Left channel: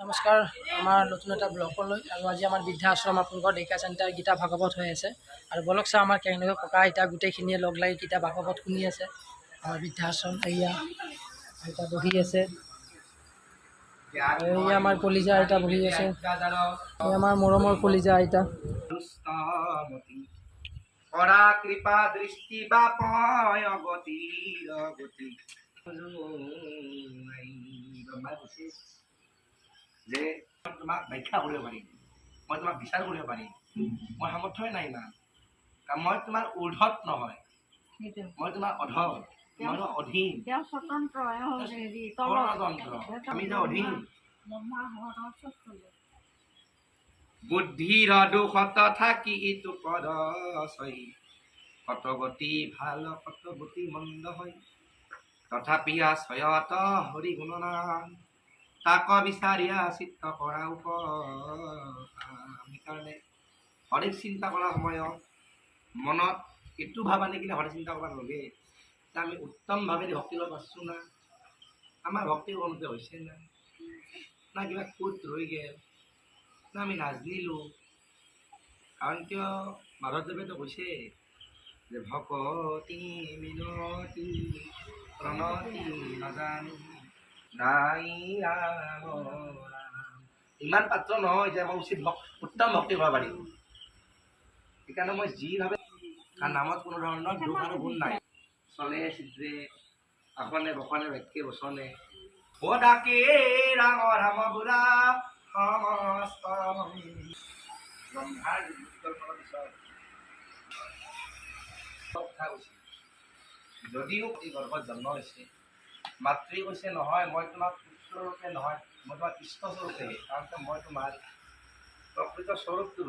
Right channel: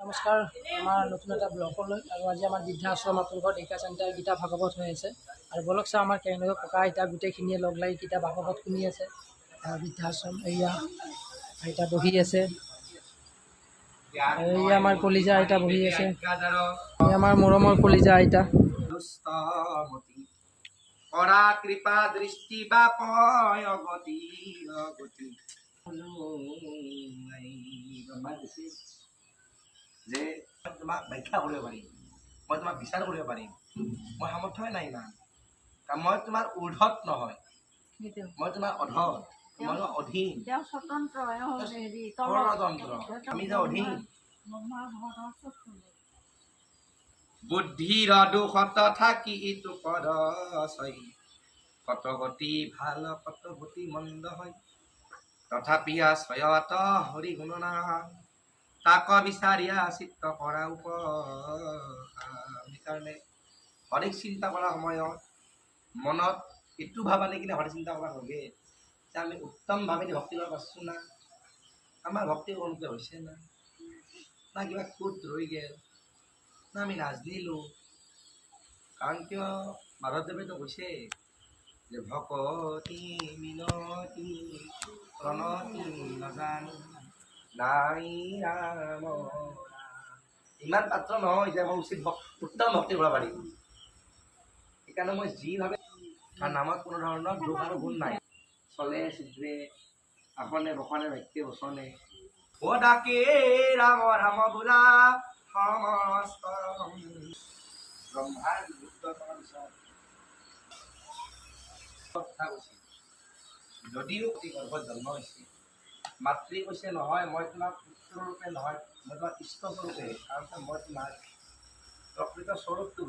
নমস্কাৰ আমাৰ নতুন এটা ব্লগলৈ আৰু আজি আমাৰ বৃদ্ধাশ্ৰম আপোনালোকৰ ডেকা চেণ্টাৰ গীতা ভাগৱত হৈ আছে আৰু বলক চাওঁ আমাৰ কেনেকৈ ককা আইতা গোটেইখিনিয়ে লগ লাগি গীতা ভাগৱত শুনি আছে। আমাৰ বৃদ্ধাশ্ৰম এয়া আইতা বহি আছে, এই আমাৰ কলিজা আইতা বহি আছে, এই আমাৰ মৰমৰ কলিজা আইতা। কৰা কৃপা দৃষ্টি বা পয় অগতি অগতি যে তোমাক ব্যাখ্যা কৰিব পাৰিম, মই তোমাক বিচাৰ কৰিব পাৰিম, মই সামৰ্থ্যই নাই ইমান, কাৰণ মই তোমাৰ ঊৰ্ধত নহয়, মই তোমাৰ অধত, মই অধীন, পৰতন্ত্ৰ, আমি যে অধীন। বুদ্ধিৰ দুখত থাকি ইটো পদ চই, কত গতি ভাল কত গতি মন্দ হয়, তথাপি আশ্ৰয়ত হৰি গুণনাম, তাক বিচাৰিয়া চিত্ত কৰা সেইকাৰণে হৰিক চিন্তা কৰাৰ সময়ত মনত এইটো ভাব আনি কিনে হৰি চিন্তা কৰিব লাগে যে আমি উত্তম ভাৱে ভক্তি কৰিব পাৰছো না, আমাৰ ভক্তি কৰোঁতে হৈছে না, না কিবা খুঁত ৰৈ গেল, না আমি নাজনিলোঁ। কাৰণ কিয় মাধৱদেৱেতো কৈছে যে ভকতি মিনতি প্ৰণতি নাজানি নাই ৰাম ৰাম, ইমান পাত্ৰ নহয় যে মই উচিত উত্তম ভক্তি কৰিব পাৰিম। সেইকাৰণে মই যি ভাবে, কাৰণ নামত কোনো ধৰণৰ দুখ আৰু গুণ নাই, চলে চিদ্ৰে আসনে বসনে বাক্যে বচনে ও ডাকে ৰাম ৰাম বুঢ়া সমস্ত ব্ৰহ্মাৰ কথা কৈছে। যদিও গৰ্ভত জন্ম হৈছে, মাতৃ কৈছে নহয় মই তোমাক পুত্ৰৰূপে নহয়, মই তোমাক ইষ্টস্বৰূপে, কাৰণ মই তোমাৰ প্ৰকৃত স্বৰূপটো